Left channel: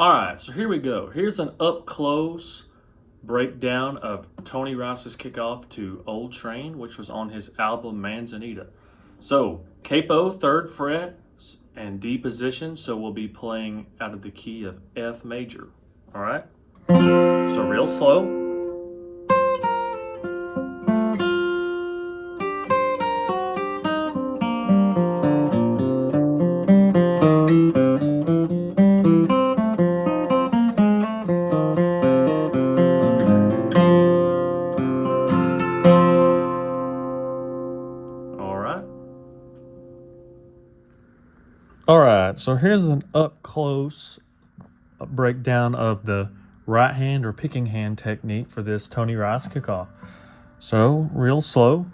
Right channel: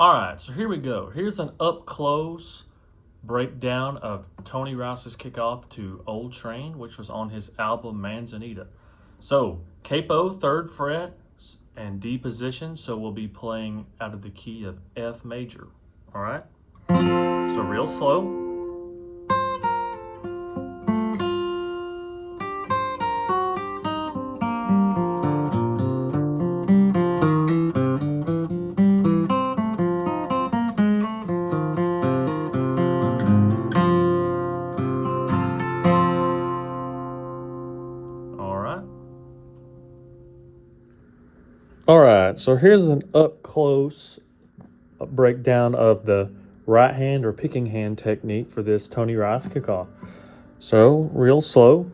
All right, so here we go. Here's an up-close breakdown of Tony Rice's kickoff to Old Train, which was on his album Manzanita. So, capo, 3rd fret, and D position, so we'll be playing out of the key of F major. All right? So real slow. All right, so here's an up-close breakdown of the right hand or picking hand technique for this Tony Rice kickoff. So, real slow.